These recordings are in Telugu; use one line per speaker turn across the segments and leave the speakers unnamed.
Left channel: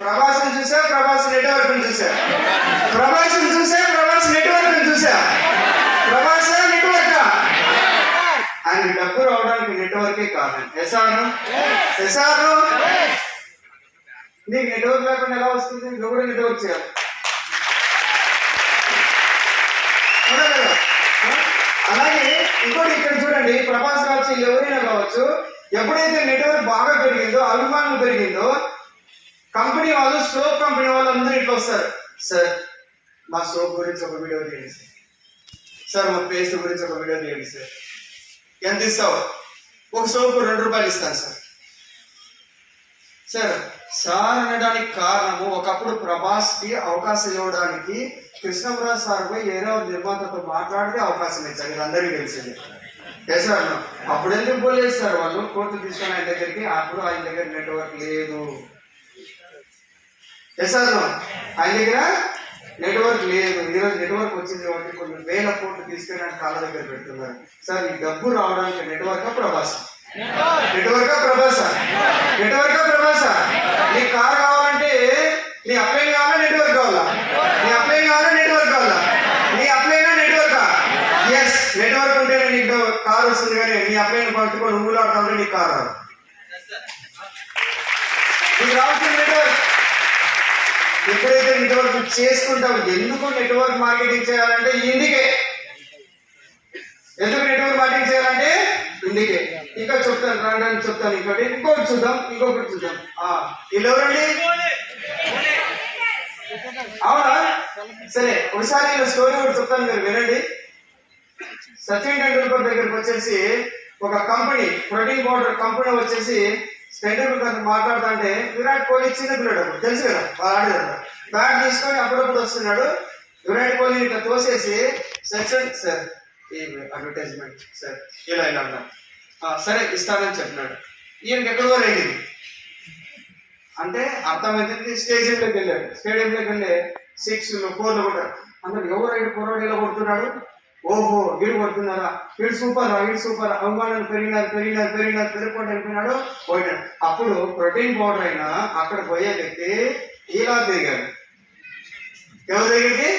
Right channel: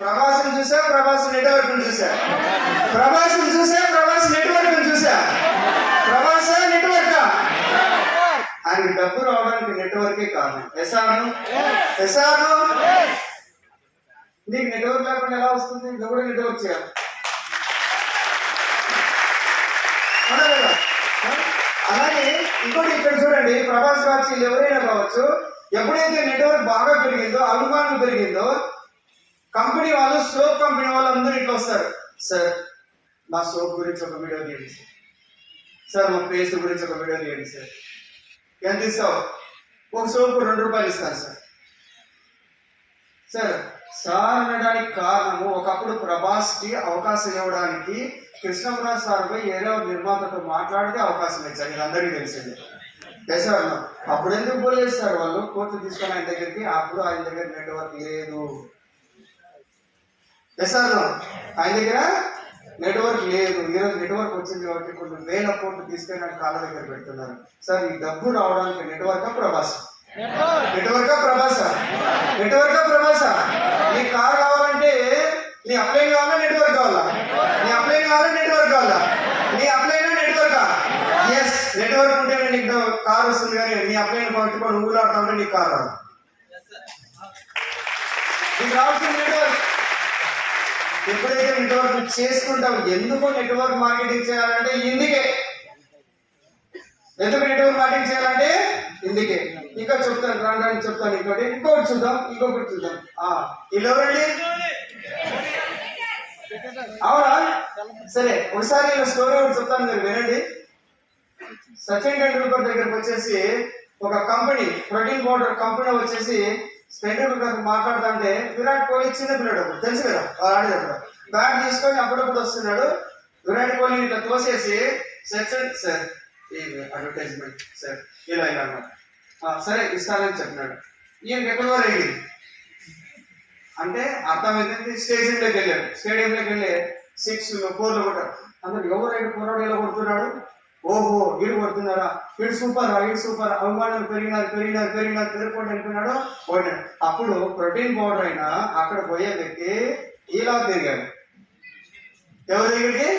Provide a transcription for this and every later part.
ప్రభాస్ని చూసా ప్రభాస్ నెట్వర్క్ చూసా. ప్రభాస్ని చూసా ప్రభాస్ నెట్వర్క్ చూసా. ప్రభాస్ నెట్వర్క్ ఆయన డబ్బు రావడానికి నెట్వర్కే కారణం ఎస్ఆర్ ఎస్ఆర్ నీకు నెట్వర్క్ లేకుండా ఎలా వస్తుంది? నువ్వు కూడా నెట్వర్క్ చేయాలి. అలాగే ఇంకోటి ఇక్కడ చూడండి ప్రభాస్ గారు ఎవరైనా కావచ్చు ఎప్పుడైతే నెట్వర్క్ బాగా పెరిగిందో అభిమానం పెరిగిందో కంపెనీ వాళ్ళు సోప్ కంపెనీ వాళ్ళు అందరూ ఇట్లా వస్తారు. సార్ మా సోప్ గురించి ఒక వీడియో తీయండి సార్. సార్ మా పేస్ట్ గురించి ఒక వీడియో తీయండి సార్. ఎంత ఇస్తావు? ఒక సోపు రెండు రూపాయలు ఇస్తాను సార్. సార్ సార్ అనడానికి కారణము ఒకప్పుడు ప్రభాస్కి అవకాశం ఇవ్వడానికి కృష్ణప్రసాద్ సార్ పోయి ఏదో ఒక నిర్మాతతో మాట్లాడితే అవకాశం ఇచ్చారు. ఇది అందరికీ తెలిసింది. ఎస్ సార్ అప్పుడు ఎందుకు పోలేదు సార్? వాళ్ళు కోర్టు తీసుకొని ఆయన దగ్గరికి అప్పుడు ఆయన దగ్గర నెట్వర్క్ లేదు. ఎస్ ఆయన దగ్గర నెట్వర్క్ లేదు. ఈరోజు నెట్వర్క్ వచ్చింది కాబట్టి కొన్ని వేల కోట్లు తీసుకొని కాళ్ళ దగ్గర పెడుతున్నారు. సార్ ఈ డబ్బు రావడానికి network Prabhas? Network Prabhas network Prabhas నీ కార్ కావాలంటే నీ అప్లై కావాలా నెట్వర్క్ కావాలా? నీ అప్లై కావాలా నెట్వర్క్ కావాలా? నీ అప్లైనా నెట్వర్క్ ఎస్ నెట్వర్క్ ఉంటే నీకు కార్ వస్తుంది కానీ నీ అప్లైని పట్టుకొని ఊళ్ళాడుతుంటే నీకు కార్ రాదు నీకు రావాల్సిన నెట్వర్క్ ఎప్పుడైతే నెట్వర్క్ చేసుకుంటాం ఎందుకు నెట్వర్క్ మార్కెటింగ్ చేయాలంటే ఇందుకే ఎందుకు నెట్వర్క్ మార్కెటింగ్ చేయాలంటే ఇందుకే ఇంకా చెప్తాను రాని చెప్తాను ఇంకోటి ఇంకోటి చూద్దాం ఇంకొకటి చూద్దాం. ఎవరండి అవునా? సరే ఒకసారి స్టోరీ ఒకటి చెప్తాను మీరు వినండి. సచిన్ టెండూల్కర్ దగ్గరికి వచ్చేసి ఒక కంపెనీ ప్రోటీన్ పౌడర్ కంపెనీ వచ్చేసి టెండూల్కర్ గారు మాట్లాడుతుంటే విరాట్ కోహ్లీ చిన్న పిల్లడు తెలుసు కదా వాళ్ళు ఆడేది బ్యాట్ తీసుకొని అప్పుడప్పుడు వస్తున్నాడు. విరాట్ కోహ్లీ ఇట్లా తోసేసి సచిన్ సార్ ఈ అడ్వర్టైజ్మెంట్ సార్ ఇలా ఇలా అన్నా సరే ఇస్తానని చెప్పినాడు. ఈయనకి ఎక్కడి వరకు అంటే అర్థమైంది స్టేడియంలోకి వెళ్ళాడు. స్టేడియంలోకి వెళ్ళి సిక్స్ ఫోర్లు కొట్టారు అందరు ఎవరైనా కుర్రాడు ఇలా కొడుతున్నాడు? ఓహో వీడు కొడుతున్నారా వీడు సూపర్ వీడు సూపర్ అవమానం పెరిగినారు పెరిగినారు పెరిగినారు పెరుగుకోండి అనుకున్నాడు పోయినాడు. అప్పుడు ప్రోటీన్ పౌడర్ అయినా అక్కడ పోయే వ్యక్తి ఇలా తిరిగాడు. ఎవరి దగ్గరికి?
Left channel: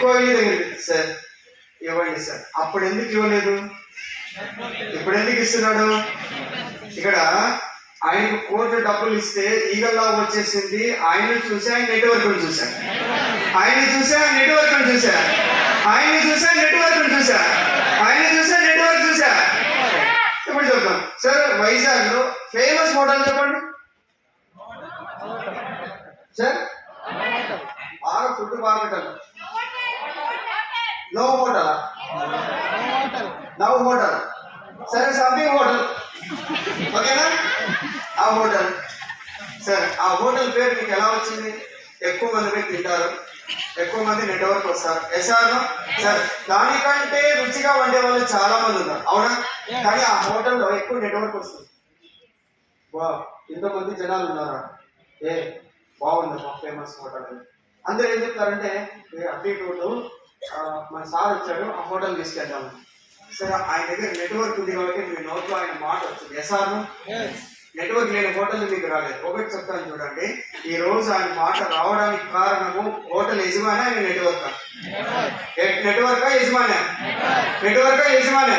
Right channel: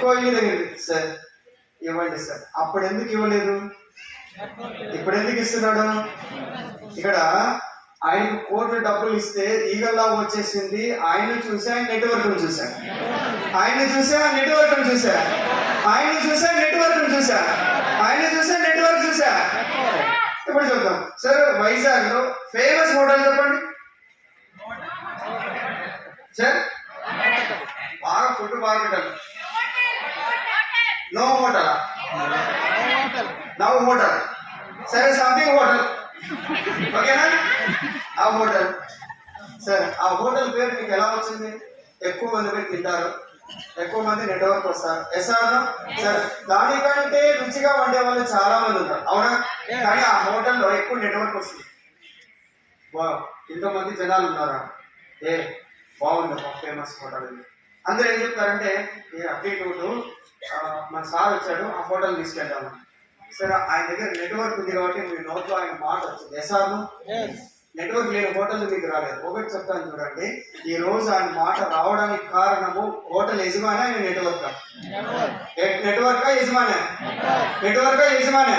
కోహ్లీ దగ్గరికి. సార్ ఇవ్వండి సార్. అప్పుడు ఎందుకు ఇవ్వలేదు? ఇప్పుడు ఎందుకు ఇస్తున్నాడు? ఇక్కడ ఆయనకు కోట్లు డబ్బులు ఇస్తే ఈగల్లా వచ్చేసింది. ఆయన చూసి ఆయన నెట్వర్క్ చూశాడు. ఆయన చూసా నెట్వర్క్ చూశాడు. ఆయన చూసా నెట్వర్క్ చూసా? ఆయన చూసా నెట్వర్క్ చూసా? ఇప్పుడు చెప్తాం. సార్ వైజాగ్లో ఫేమస్ హోటల్ చెప్పండి. సార్ బాగా ఫుడ్ బాగుంటారు నో హోటల్? Now hotel. సరే సంథింగ్ హోటల్. ఓకేనా? ఆ హోటల్. సార్ ఆ హోటల్ పేరు మీకు ఎలా వచ్చింది? ఎక్కువ మంది పోయి తింటారు. ఎక్కువ మంది నెట్వర్క్ వస్తారు. ఎస్ఆర్ సార్ దానికంటే రుచిగా వండే వాళ్ళు చాలా మంది ఉన్నారు. అవునా? కానీ ఆ హోటల్లో ఎక్కువ నెట్వర్క్ వస్తుంది. వా ఇంతమంది జనాలు ఉన్నారా? ఏ బాగుంది ఫేమస్ హోటల్ అని అందరూ ఏం చెప్తారంటే ఏ అప్డేట్ మన సార్ వచ్చాడు ఆ హోటల్ తీసుకెళ్తాను సరే ఆయన దగ్గర నెట్వర్క్ ఉంది కాబట్టి మీ నోట్లో ఆయన మాట వచ్చింది ఎస్ఆర్ నెట్వర్క్ లేని హోటల్ మీకు రాలేదు. ఒకటి చెప్తాను చూడండి. ఈ రోజు ఆయన మాట రావడానికి కారణము హోటల్ యజమాని ఆయన నెట్వర్క్ నెట్వర్క్ యజమాని? నెట్వర్క్ యజమాని?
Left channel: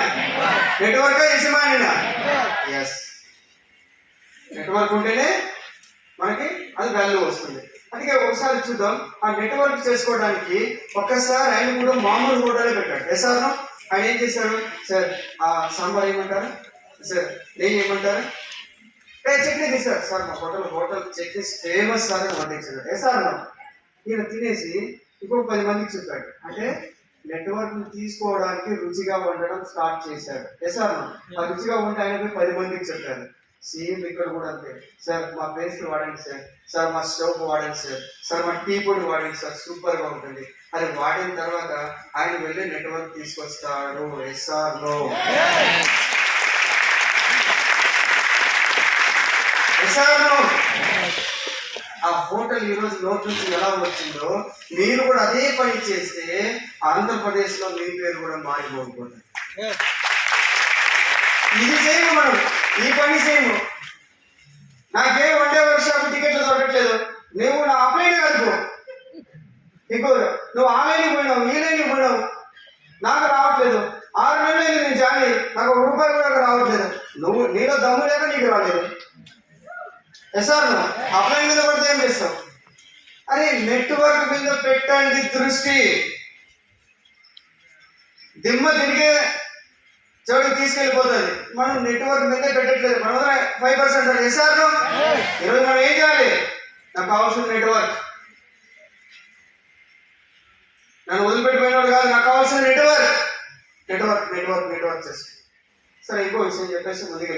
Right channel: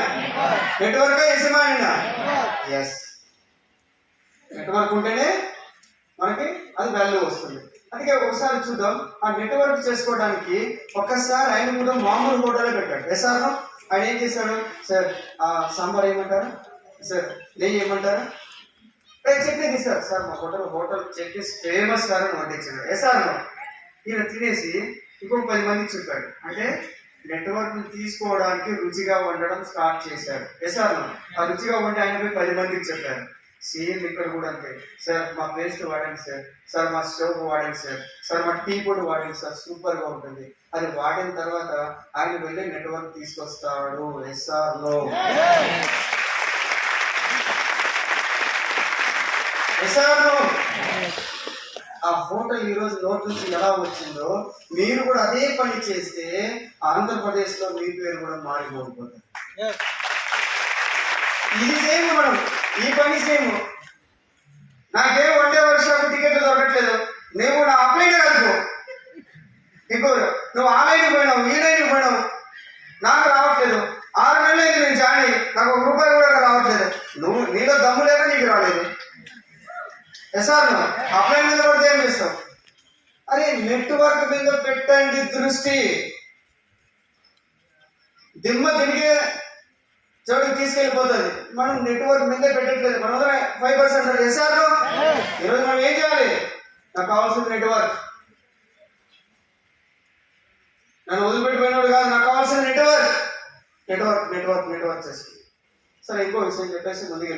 నెట్వర్క్ యజమాని ఎస్ నెట్వర్క్ ఉంటేనే మనకి అది వాల్యూ వస్తుంది. అందుకే ఒకసారి చూద్దాం. ఆ నెట్వర్క్ చేసుకోవడానికి ఒక్కసారి ఆయన కూడా మామూలు హోటలే పెట్టాడు. ఎస్ ఆయన ఏం చేశాడు? సార్ ఆ సాంబార్ ఏమంటారా? సార్ నెయ్యి ఏమంటారా? ఏ చట్నీ తీసారు సార్. మా hotel hotel chutney famous sir అని వండించాడు ఏ సార్ ఈయన తినేసి ఇంకో పది మందికి చెప్పాడు. అంటే నెట్వర్క్ తీసుకోవడానికి రుచిగా వండడం స్టార్ట్ చేశాడు. ఏ సార్ ఆ రుచిగా వండి ఆయన పది మందికి చెప్పారు. సేమ్ ఇక్కడ కూడా అంతే. సార్ మా పేస్ట్ వాడండి సార్. సార్ మా స్టవ్ వాడండి సార్. సార్ మా టీ పొడి వాడండి సార్. సూపర్గా ఉంటుంది. అది వాడిన తర్వాత ఆయన వెళ్ళి నెట్వర్క్ తీసుకొస్తాడు. ఎస్ఆర్లో లో ఆ హోటల్ ఈ రోజు లోపల నుంచి ఎలా వచ్చిందో మీరు కూడా అదే పని చేస్తే ఆంధ్రప్రదేశ్లో మీ పేరు కూడా మారిపోతుంది ఇది చేయము మనం. ఈ పని చేయము. నాకేం వన్ డే టికెట్లు దొరకట్లేదు. నువ్వు నా అప్లైనే కలుపు నీకు నువ్వు ఆన్లైన్కి పోయినావు ఈలైన్కి పోయినావు. నాకు రావట్లేదు. ఆరు నెలలు నేను జాయిన్ నాకు ఒక రూపాయి కూడా రావట్లేదు. నువ్వు నీలో దమ్ము లేక నీకు రాలేదు. ఎస్ఆర్ అప్లై మీద పడితే ఏం చేస్తాం? అరే నెట్వర్క్ మీద పెట్టండి దృష్టి. దిమ్మ తిరిగే చెడు తీసుకెళ్ళిపోతుంది. మనం నెట్వర్క్ మీదే పెట్టట్లేదు. మన దగ్గర ఫైవ్ పర్సెంట్ ఎస్ఆర్ ఈరోజు మనం ఏం చేయాలి? నాకు కావాల్సిన నెట్వర్క్. నన్ను వదిలిపెట్టిపోయినాడు కాదు నాకు కావాల్సిన నెట్వర్క్. నెట్వర్క్ నెట్వర్క్ నెట్వర్క్ చేసి సరే ఇంకో విషయం చెప్పేసి ముందుకు